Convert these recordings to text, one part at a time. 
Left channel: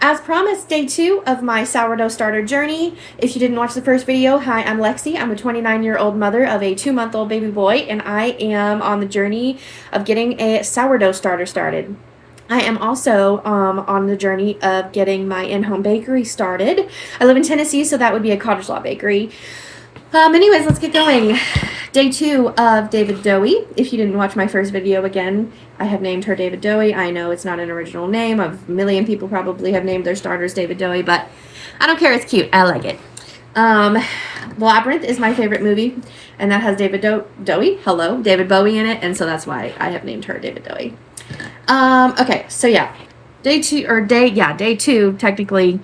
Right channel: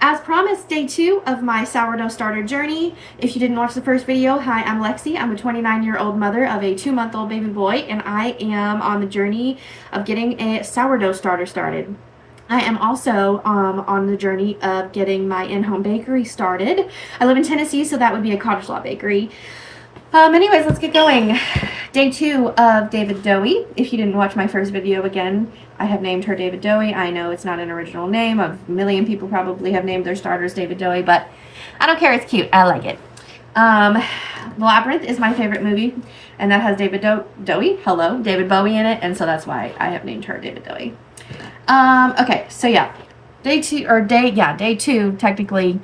As promised, day 2 of my sourdough starter journey. If you didn't watch the first video, hi, I'm Lexi. I'm a 29-year-old mother of a 2-month-old baby boy, and I am on the journey of getting a sourdough starter started. I am also on the journey of getting my in-home bakery started. I live in Tennessee, so that would be a cottage law bakery. Anyways, let's get going. Day 2 of David Doughie. If you didn't watch my first video, again, I have named her David Doughie. I know it's not an original name. A million people probably have named their starters David Doughie, but I don't care. It's cute. I like it. The Labyrinth is my favorite movie, and that has David David Bowie in it, and so that's why I have named her David Doughie. Okay, so yeah, day 2, technically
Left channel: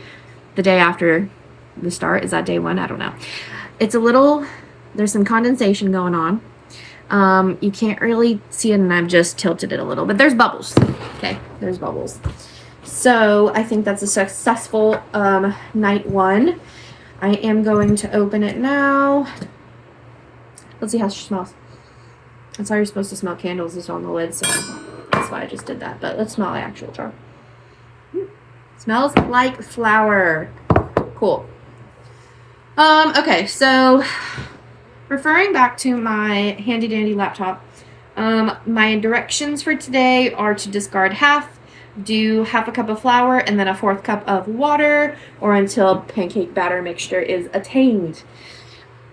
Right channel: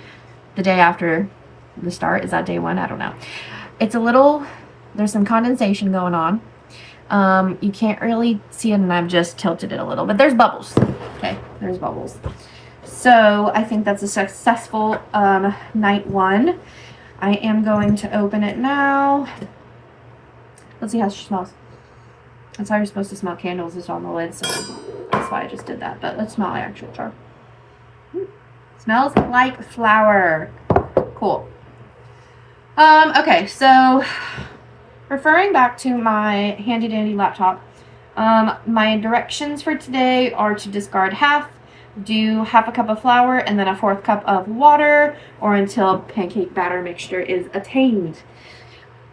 the day after the start. Is that day 1? I don't know. It's there's some condensation going on. You can't really see it, and I've just tilted it a little, but there's bubbles. Okay, there's bubbles. So I think that's a successful night 1. I am going to open it now. Let's see how she smells. That's how you're supposed to smell candles, is on the lid, so that's why I just did that. But let's smell the actual jar. Smells like flour. Cool. Okay, so referring back to my handy dandy laptop, my directions for today are to discard half, do half a cup of flour, and then a 4th cup of water, or until pancake batter mixture is attained.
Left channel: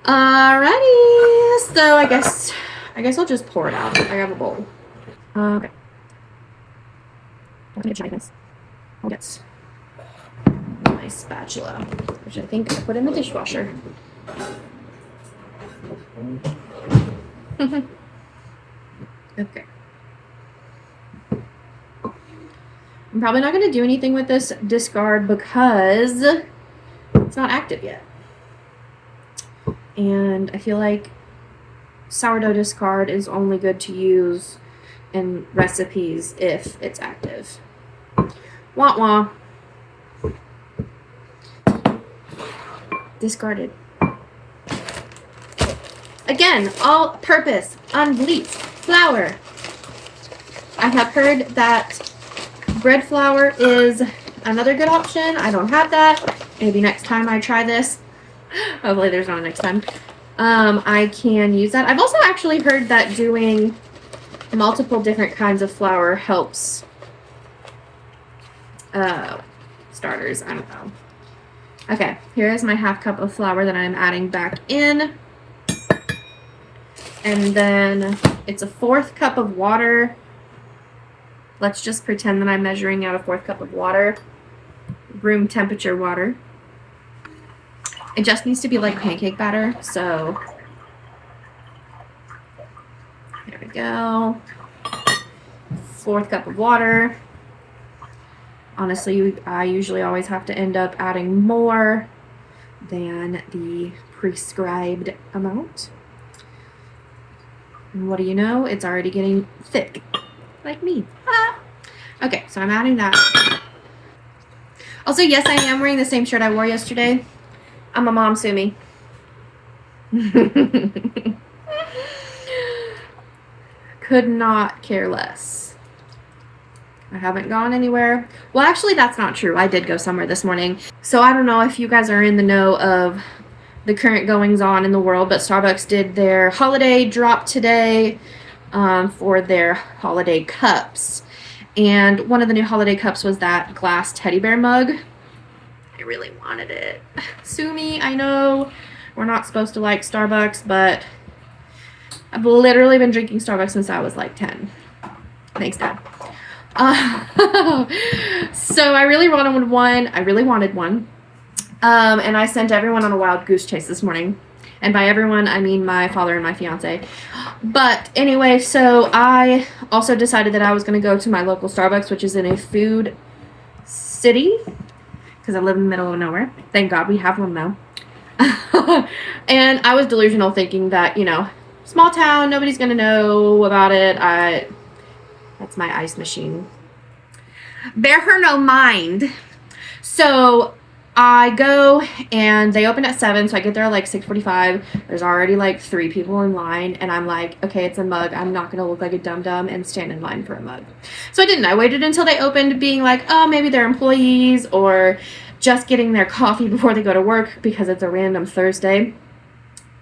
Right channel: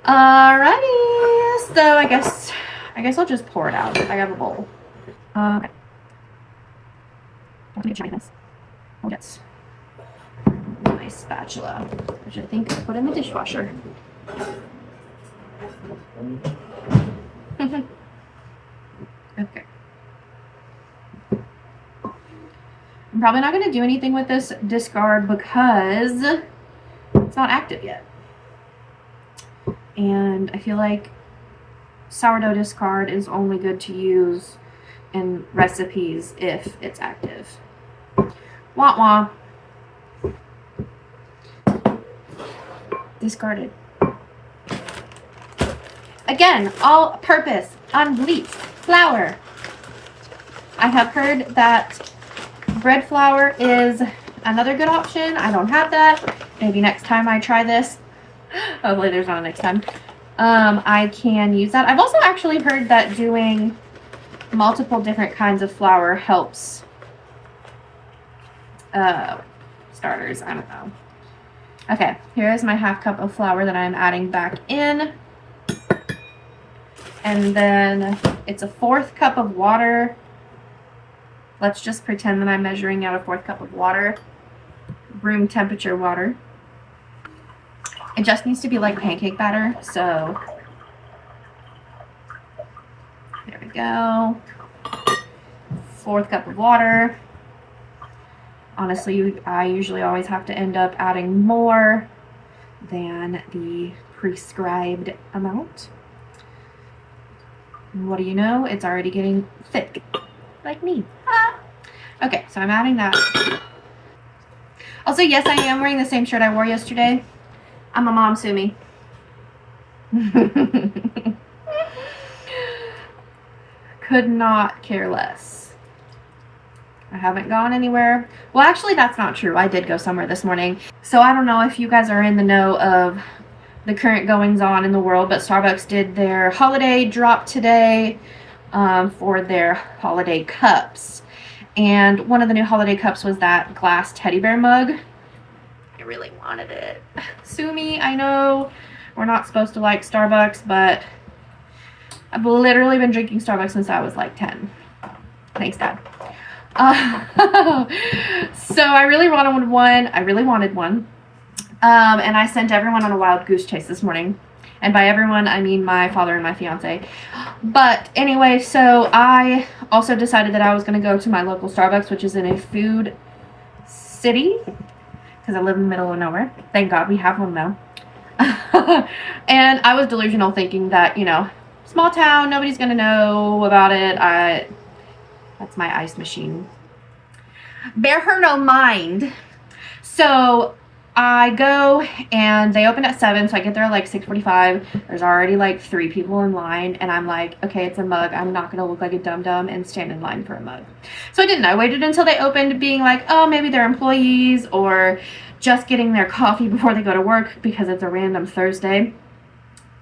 Alrighty, so I guess I'll just pour it out. I have a bowl. Okay. I'm gonna try this. I'll get my spatula, which I think I put in the dishwasher. Okay. I'm probably not going to do anything with this discard because it's not active yet. And I feel like sourdough discard is only good to use in recipes if it's active. Wah wah. Discarded. Again, all-purpose, unbleached flour. I have heard that bread flour is another good option. I don't have that. Maybe next time I try this, hopefully there's not a next time, I can use that. I've also actually heard that doing multiple different kinds of flour helps starters. I don't know. Okay, here is my half cup of flour that I'm adding back in. And then it's a 4th cup of water. Let's just pretend that I'm measuring out a 4th cup of water. Room temperature water. It just needs to be like pancake batter, so there we go. 4th cup of water. Honestly, I usually always have to end up adding more than the prescribed amount. And what do you know? It's already getting thick, like me. Ah. Okay, so I'm adding that. Also, yes, I am wearing the same shirt I wore yesterday. I'm a mom, sue me. Could not care less. I haven't gone anywhere. Well, actually, that's not true. I did go somewhere this morning. So I don't know if you guys are in the know of the current goings on in the world, but Starbucks did their holiday drop today for their holiday cups. And one of the new holiday cups was that glass teddy bear mug. I really wanted it. Sue me, I know we're not supposed to like Starbucks, but I've literally been drinking Starbucks since I was like 10. Thanks, Dad. So I really wanted one. And I sent everyone on a wild goose chase this morning. And by everyone, I mean my father and my fiance. But anyway, so I also decided that I was going to go to my local Starbucks, which is in a food city, because I live in the middle of nowhere. Thank God we have one, though. And I was delusional, thinking that, small town, nobody's going to know about it. That's my ice machine. Bear her no mind. So I go and they open at 7, so I get there at like 6:45. There's already like 3 people in line, and I'm like, okay, it's a mug. I'm not gonna look like a dum-dum and stand in line for a mug. So I didn't. I waited until they opened, being like, oh, maybe they're employees or just getting their coffee before they go to work because it's a random Thursday.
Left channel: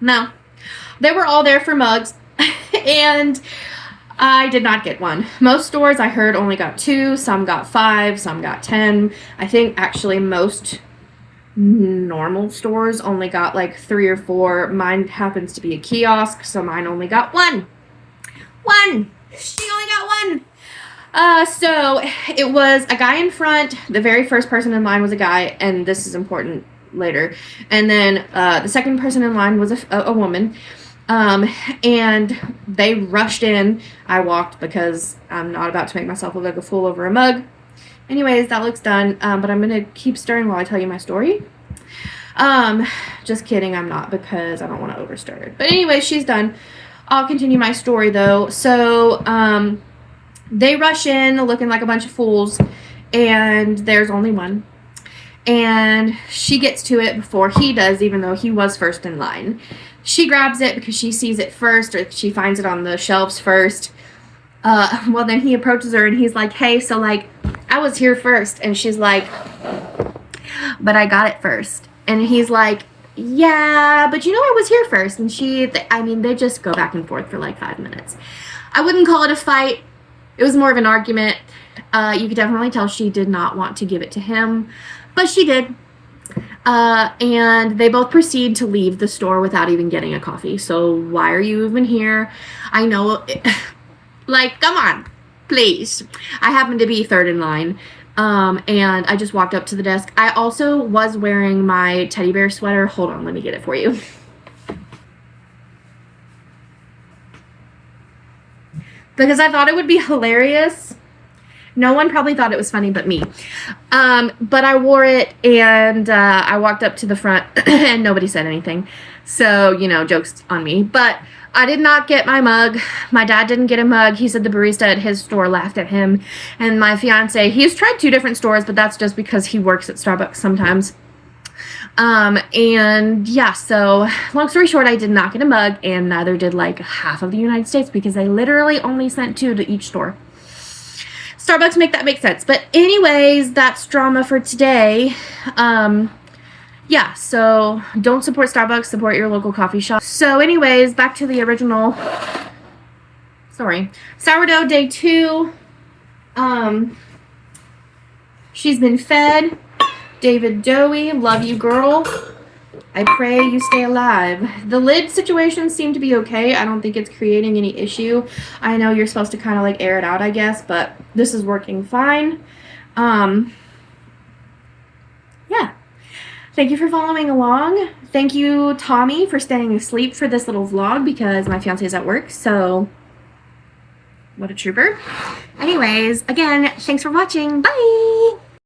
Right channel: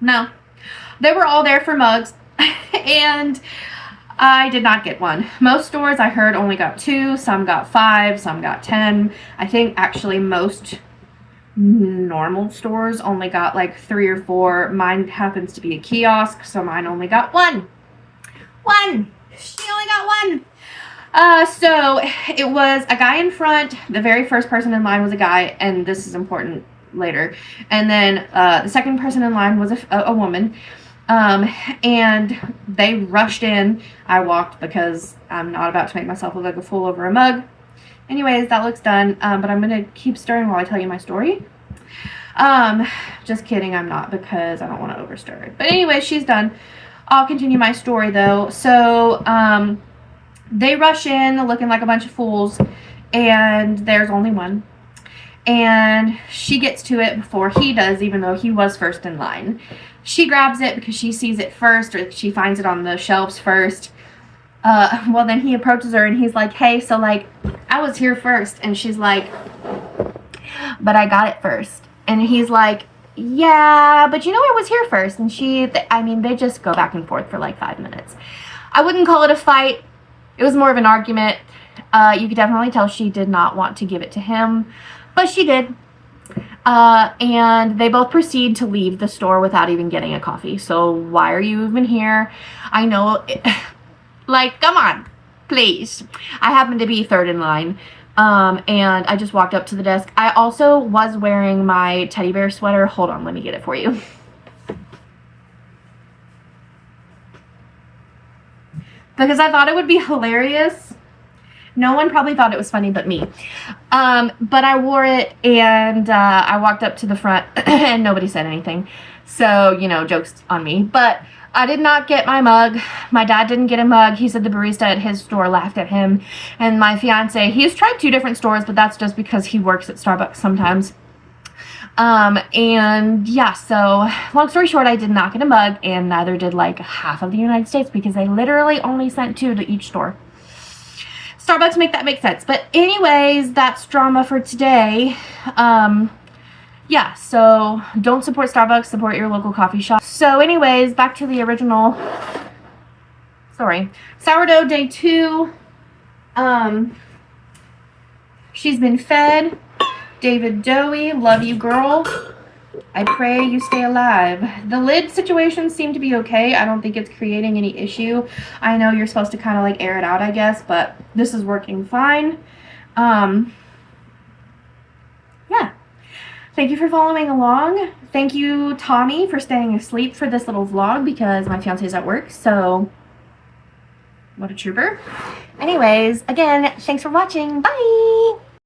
No, they were all there for mugs, and I did not get one. Most stores I heard only got 2, some got 5, some got 10. I think actually most normal stores only got like 3 or 4. Mine happens to be a kiosk, so mine only got 1. She only got 1. So it was a guy in front. The very first person in line was a guy, and this is important later. And then the second person in line was a woman. And they rushed in. I walked because I'm not about to make myself look like a fool over a mug. Anyways, that looks done. But I'm going to keep stirring while I tell you my story. Just kidding, I'm not, because I don't want to overstir it. But anyway, she's done. I'll continue my story though. So, they rush in looking like a bunch of fools, and there's only one. And she gets to it before he does, even though he was first in line. She grabs it because she sees it first, or she finds it on the shelves first. Well, then he approaches her and he's like, hey, so like, I was here first. And she's like, but I got it first. And he's like, yeah, but you know I was here first. And they just go back and forth for like 5 minutes. I wouldn't call it a fight. It was more of an argument. You could definitely tell she did not want to give it to him, but she did. And they both proceed to leave the store without even getting a coffee. So why are you even here? I know, like, come on, please. I happen to be third in line. And I just walked up to the desk. I also was wearing my teddy bear sweater. Hold on, let me get it for you. Because I thought it would be hilarious. No one probably thought it was funny but me. But I wore it, and I walked up to the front and nobody said anything. So, you know, joke's on me. But I did not get my mug. My dad didn't get a mug. He said the barista at his store laughed at him. And my fiance, he's tried 2 different stores, but that's just because he works at Starbucks sometimes. And yeah, so long story short, I did not get a mug, and neither did like half of the United States, because they literally only sent 2 to each store. Starbucks make that make sense. But anyways, that's drama for today. Yeah, so don't support Starbucks, support your local coffee shop. So anyways, back to the original story. Sourdough day 2. She's been fed. David Doughie, love you, girl. I pray you stay alive. The lid situation seemed to be okay. I don't think it's creating any issue. I know you're supposed to kind of like air it out, I guess, but this is working fine. Yeah. Thank you for following along. Thank you, Tommy, for staying asleep for this little vlog because my fiance is at work, so what a trooper. Anyways, again, thanks for watching. Bye!